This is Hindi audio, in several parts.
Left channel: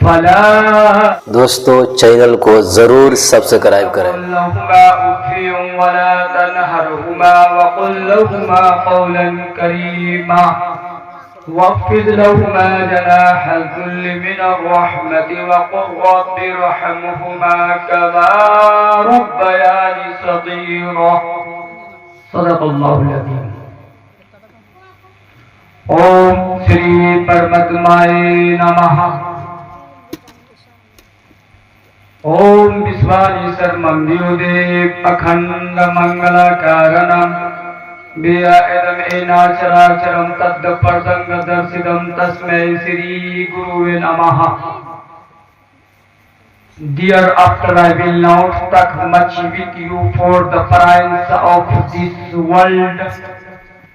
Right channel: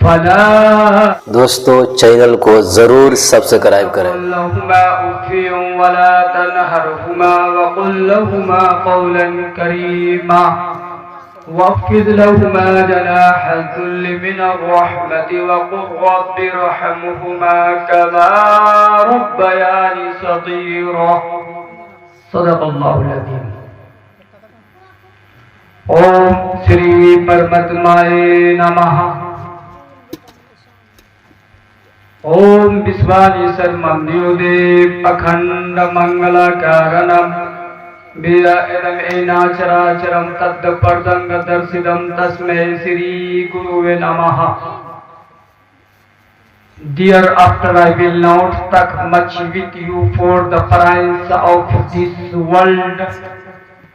फला दोस्तों चैनल को जरूर सब्सक्राइब करें। वला तनहरहुमा वकुल लहुमा कौलन करीमा वख्फिद लहुमा जनाह ज़ुल्ल मिनर रहमति वक़ुल रब्बि इरहमहुमा कमा रब्बयानी सग़ीरा। सदक़ल्लाहुल अज़ीम। ओम श्री परमात्माय नमः। ओम विश्वानीश्वर ममदेव अखंड मंगल कारणम व्यायदम एनाचराचरम तद्परदंग दर्शिदम तस्मै श्री गुरुवे नमः। Dear, after I will not talk much with you for the price of this world,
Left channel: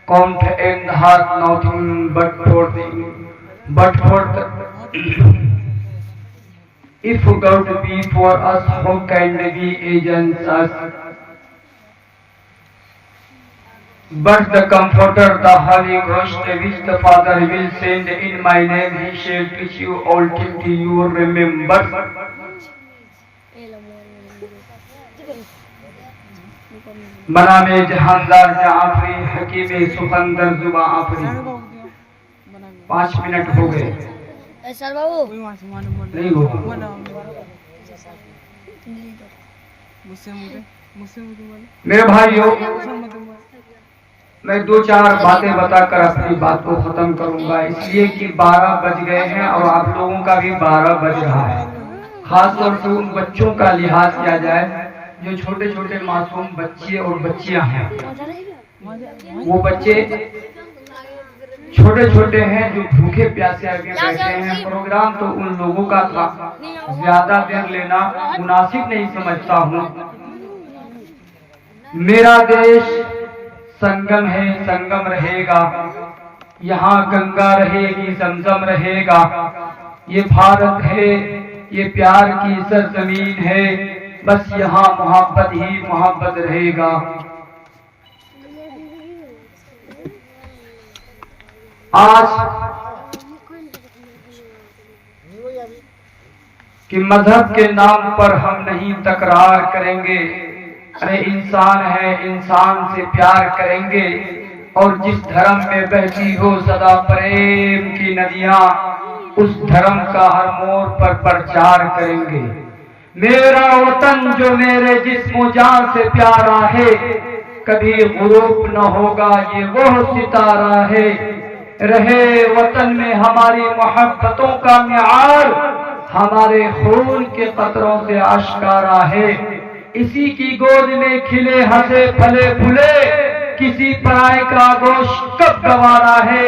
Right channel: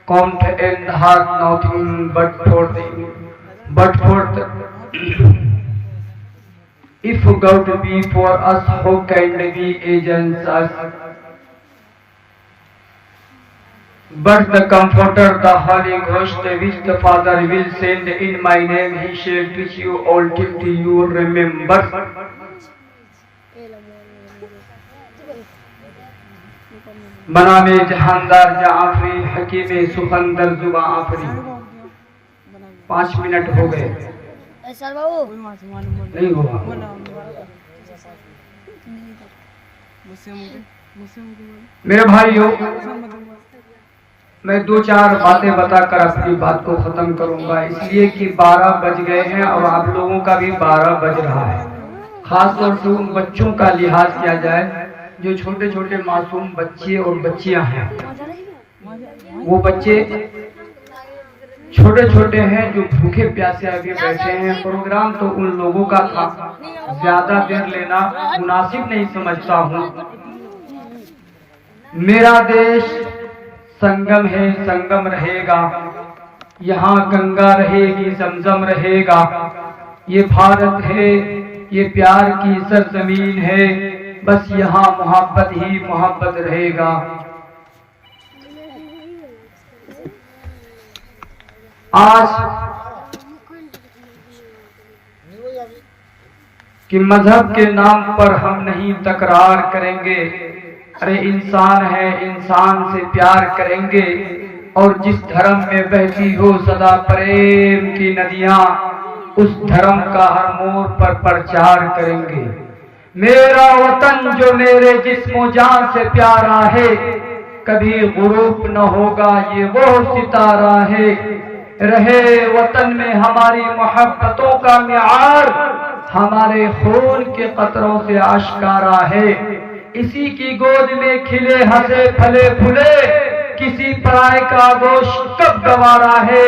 comprehend hath nothing but for the if God be for us, who can be against us? But the Comforter, the Holy Ghost, which the Father will send in my name, He shall teach you all things you remember. बनामे जहानदार Jafri हकीमे सुकंदर जुबा आफरी। 5 मिनट हो गए। सर बाबू नहीं हुआ। मेरे भाइयों, मैं 2-4 बातें बताकर अपनी बात को खत्म करूंगा, इसलिए कि 12 बज गए हैं और आप लोगों का भी 12 बज रहा है। खासतौर से उन बच्चों का लिहाज किया जाए जो छोटे छोटे मासूम बच्चे और बच्चियां हैं। वो बच्चे छोटे छोटे हैं जो भूखे प्यासे आगे बैठे हैं। प्रोग्राम तो उन लोगों का था, ज्यादा देर लेना मुनासिब नहीं समझता हूँ। मेरा देश संगम है, संगम रहेगा। यहाँ गंगा रहेगी, जमजम रहेगा। ये भारत है, ये प्यार की सरजमीन है। बस यहाँ मोहब्बत ही मोहब्बत रहेगा। आज कि मजहब के नाम पर हम नहीं तकरार करेंगे। अरे इंसान है, इंसान से प्यार करेंगे। और जिस धर्म में बहती हो सदा प्रेम की नदियां, उस धर्म का हर मोड़ पर प्रचार करेंगे। मेरा वतन जो मेरे जिस्मो जान से प्यारा है, कभी गुरूब न होगा ये वो सितारा है। रहे वतन में हमारी मोहब्बतों का मियार, हमारे खून के कतरों से आश्कारा है। इसी की गोद में खिले हंसे फले फूले, किसी पराए का गोश कब गंवारा है।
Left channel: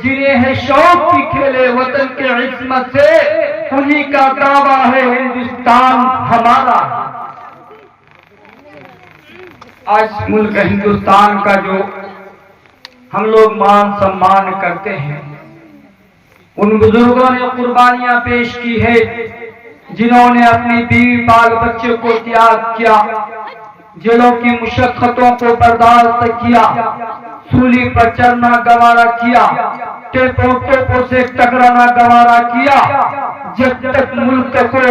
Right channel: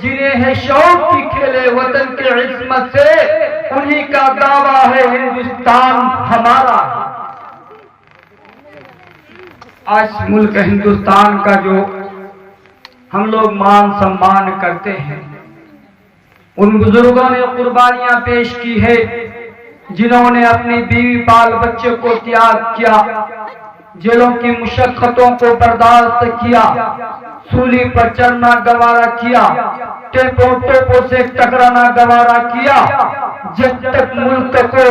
जिन्हें है शौक की खेले वतन के इस्मत से, उन्हीं का दावा है हिंदुस्तान हमारा। आज मुल्क हिंदुस्तान का जो हम लोग मान सम्मान करते हैं, उन बुजुर्गों ने कुर्बानियां पेश की है जिन्होंने अपनी बीवी बाल बच्चे को त्याग किया, जेलों की मुशक्कतों को बर्दाश्त किया, सूली पर चढ़ना गवारा किया, टोपों से टकराना गवारा किया। जब तक मुल्क को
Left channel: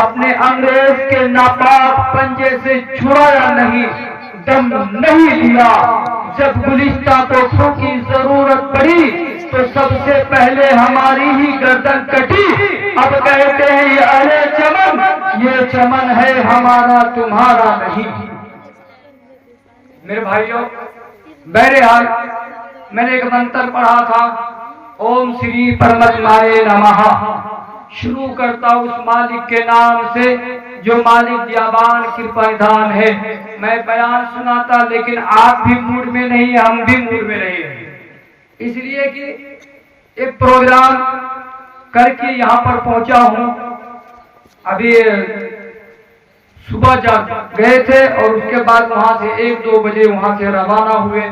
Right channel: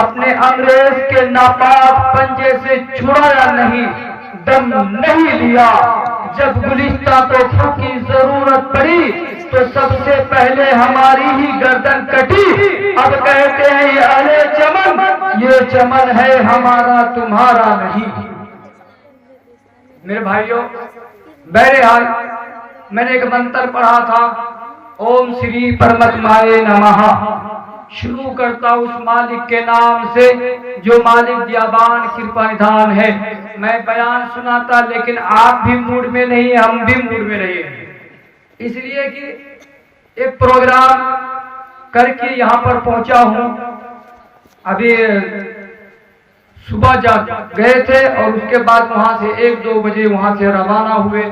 अपने अंग्रेज के नापाक पंजे से छुड़ाया नहीं, दम नहीं लिया। जब गुलिस्तां को खू की जरूरत पड़ी तो सबसे पहले हमारी ही गर्दन कटी। अब कहते हैं ये अरे चमन, ये चमन है हमारा तुम्हारा नहीं। मेरे भाइयों, बहरहाल मैंने एक मंत्र पढ़ा था, ओम श्री परमात्माय नमः। शुरू करता उस मालिक के नाम से जो मालिक दयावान कृपा निधान है। मैं बयान सुनाता लेकिन आप भी मूड में नहीं, हम भी मूड में नहीं, इसलिए कि एक प्रोग्राम करके यहाँ पर पहुंचा हूँ। अभी सुबह जा गए थे और उसके बाद वहां से 1-2 बजे वहां से रवाना हुए।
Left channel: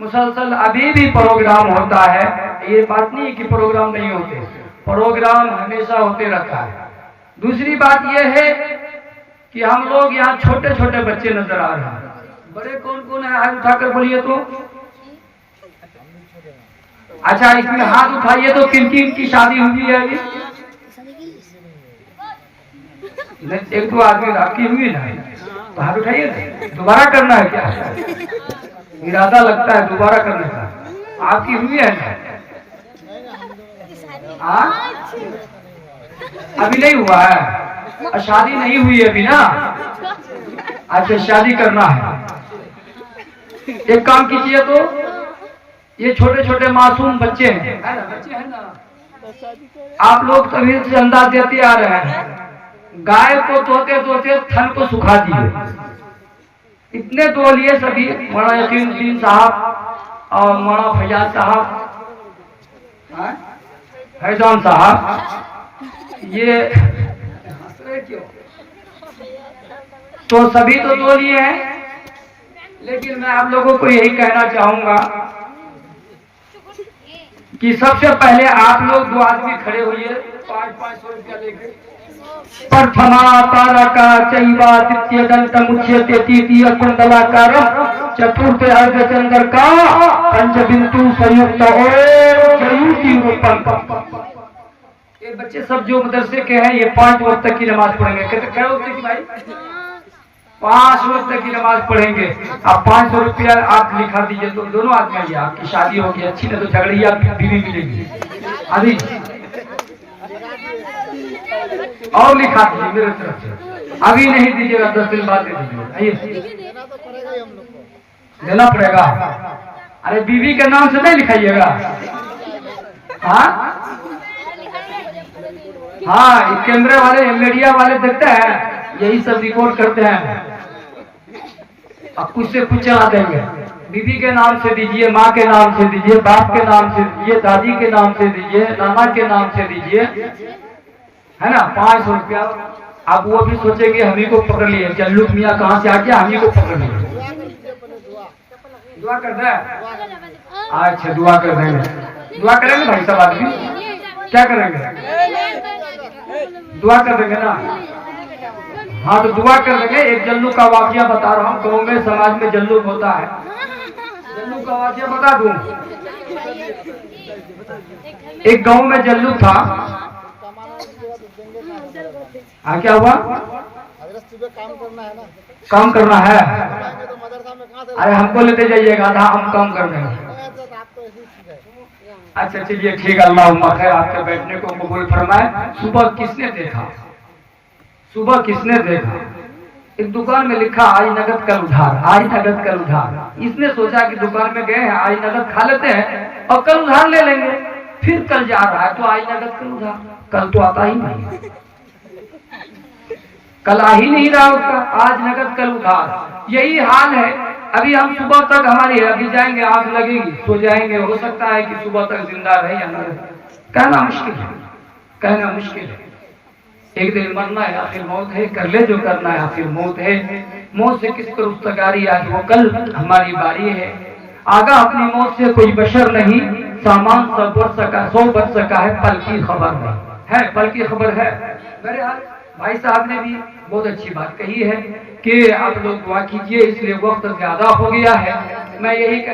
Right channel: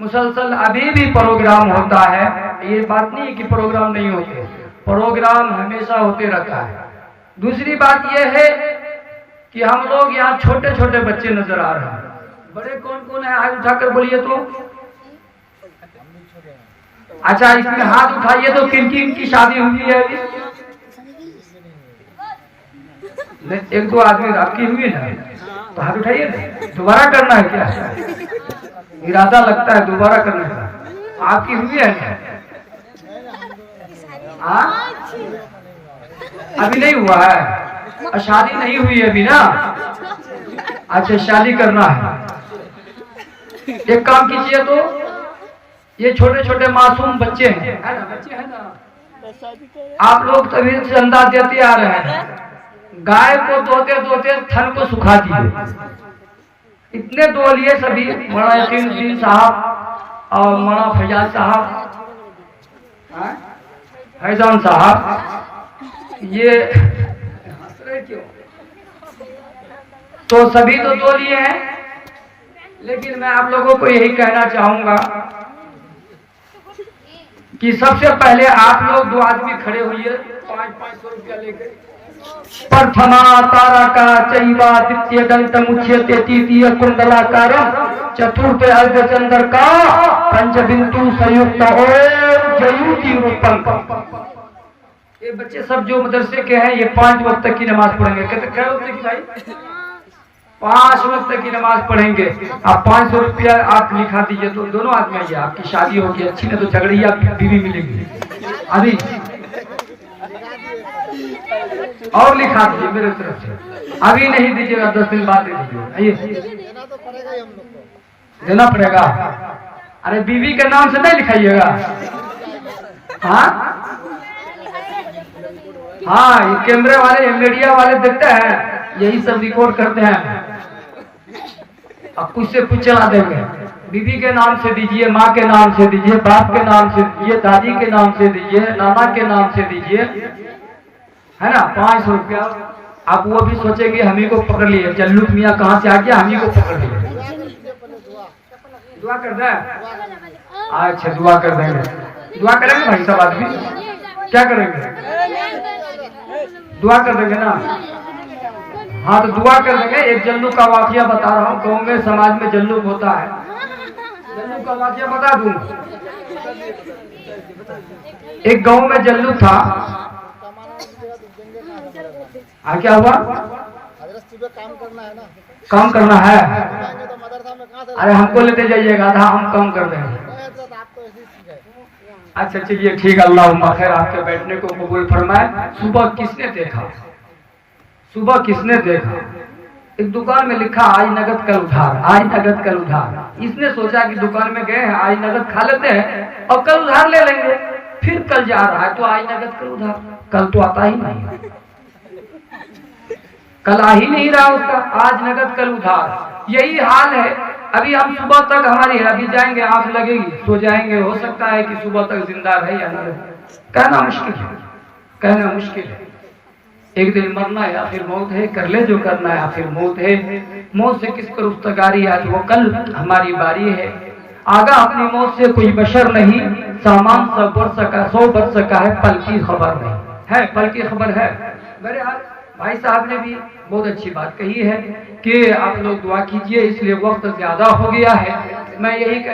मुसलसल अभी भी प्रोग्राम होता है, ये बात नहीं कि प्रोग्राम नहीं होते, प्रोग्राम हमेशा होते रहता है। दूसरी बात यह है कि हम लोग यहाँ छोटे छोटे बच्चे नजर आ रहे हैं। बड़े कौन कौन है, हाथ उठाकर बोलिए तो। अच्छा, इसमें हाथ उठाइए तो किन किन की शादी हुई है? एक दो आदमी आपकी हुई ना, तो हाथ उठाइए ना। दोबारा करना है क्या? इरादा लगता है दोबारा करने का। आपकी हुई है ना? अभी नहीं हुआ है, शादी नहीं हुई अभी ना। अच्छा, शादी करना है। एक काम कीजिए, तो ये छोटे छोटे मासूम बच्चे हैं, है ना? बच्चे हैं ना, आप लोग सभी से अंदाज देते आ रहे हैं, गाय को धोते धोते थन को सुखा दिए। इतने दो लिए सभी, मौलाना यकीनुद्दीन साहब और मौलाना फैजाज साहब, फैजान साहब, ये हंस रहे क्यों? तो सभी तो दो लिए हैं, लेकिन मैं आप लोगों को यही कहना चाहूंगा कि सबसे पहले आप लोग दो आदमी खड़े हुए 500 रुपया लेकर, प्रथमा तारा का चैवा द्वितीय दंत मुच्यते तृतीय कुंडलाकारम चतुर्थ अर्धचंद्र का पंचबिंदु संयुक्त ओम जयुति उत्पन्न। ये बच्चे सब जो मदरसे के हैं, ये 5 वक्त तक की नमाज पढ़ेंगे। कहते क्या वक्त की भाई? 5 वक्त तक की नमाज पढ़ेंगे। आप 500 रुपया आप लिखा दीजिए, तो दोनों आदमी आइए, आपकी शादी होगी अच्छी, नहीं तो झगड़िया बीवी मिलेगी अभी। और लिखा दीजिए मेरे तरफ से, अभी नहीं दीजिए, 10 दिन बाद दे दीजिए। आइए, देना तो पड़ेगा ही हम लोग को, देना पड़ेगा। अरे बीवी के नाम से नहीं लिखाइएगा। हाँ हाँ, ये कैमरे वाले, मीडिया वाले देखते हैं, यही सब रिकॉर्ड करते हैं। अब कुछ से कुछ चला देंगे। बीवी के नाम से दीजिए, माँ के नाम से दीजिए, बाप के नाम से दीजिए, दादी के नाम से दीजिए, नाना के नाम से दीजिए, है ना? 500 रुपया। आप वो भी सोचेंगे हम ही को पकड़ लिए, जल्लू मियाँ कहाँ से आ गया, हम ही को पकड़ लिए। दुआ कर दे। अच्छा, दुआ कर देंगे। दुआ करेंगे भाई सब आदमी, क्या करेंगे? दुआ कर देंगे ना। हाँ, तो दुआ कर देंगे। एक जल्लू का वाकया बता रहा हूँ, गाँव में समाज में जल्लू होता है। जल्लू का वाकया बता दूं। एक गांव में जल्लू था। हाँ, क्या हुआ? सुबह काम करना है ना, काम करना है। तो मदरसा में कहाँ से? अरे हमको लेते जाइएगा, आधा हम काम कर देंगे। आप तो ऐसी चीज है। अच्छा चलिए ठीक है, अल्लाह खैर आपके बैठने को कबूल फरमाए। सुबह किसने देखा? सुबह किसने देखा? एक दुकान में लिखा आज नगद कल उधार, आज नगद कल उधार। इसने सोचा कि दुकान में गए हैं, आज नगद खा लेते हैं और कल उधार ले लेंगे। फिर कल जा रहा है तो आज नगद कल उधार, कल तो आता ही नहीं, कल आ ही नहीं रहा उसका, आज नगद कल उधार। यही हाल है। अभी हम सुबह तक हमारी, अभी जाएंगे आंख लगेगी, सो जाएंगे, हो सकता है कि सुबह तक जिंदा रहे या न रहे, कहना मुश्किल है, कहना मुश्किल है। एक दिन मरना है, आखिर मौत है, कर ले जो करना है, आखिर मौत है। मौत से किसको रुस्तगारी आगे, वो कल हमारी बारी है। आगा अपनी मौत से कोई बशर नहीं, सामान सब बढ़ सका, 100 बढ़ सका है, पल की खबर नहीं है, पल की खबर है। मेरे हाल भाई साहब ने भी बहुत अच्छी बात कही है कि आप लोग दुआ कीजिए, इसलिए वक्त ज्यादा हो गया है। मैं यही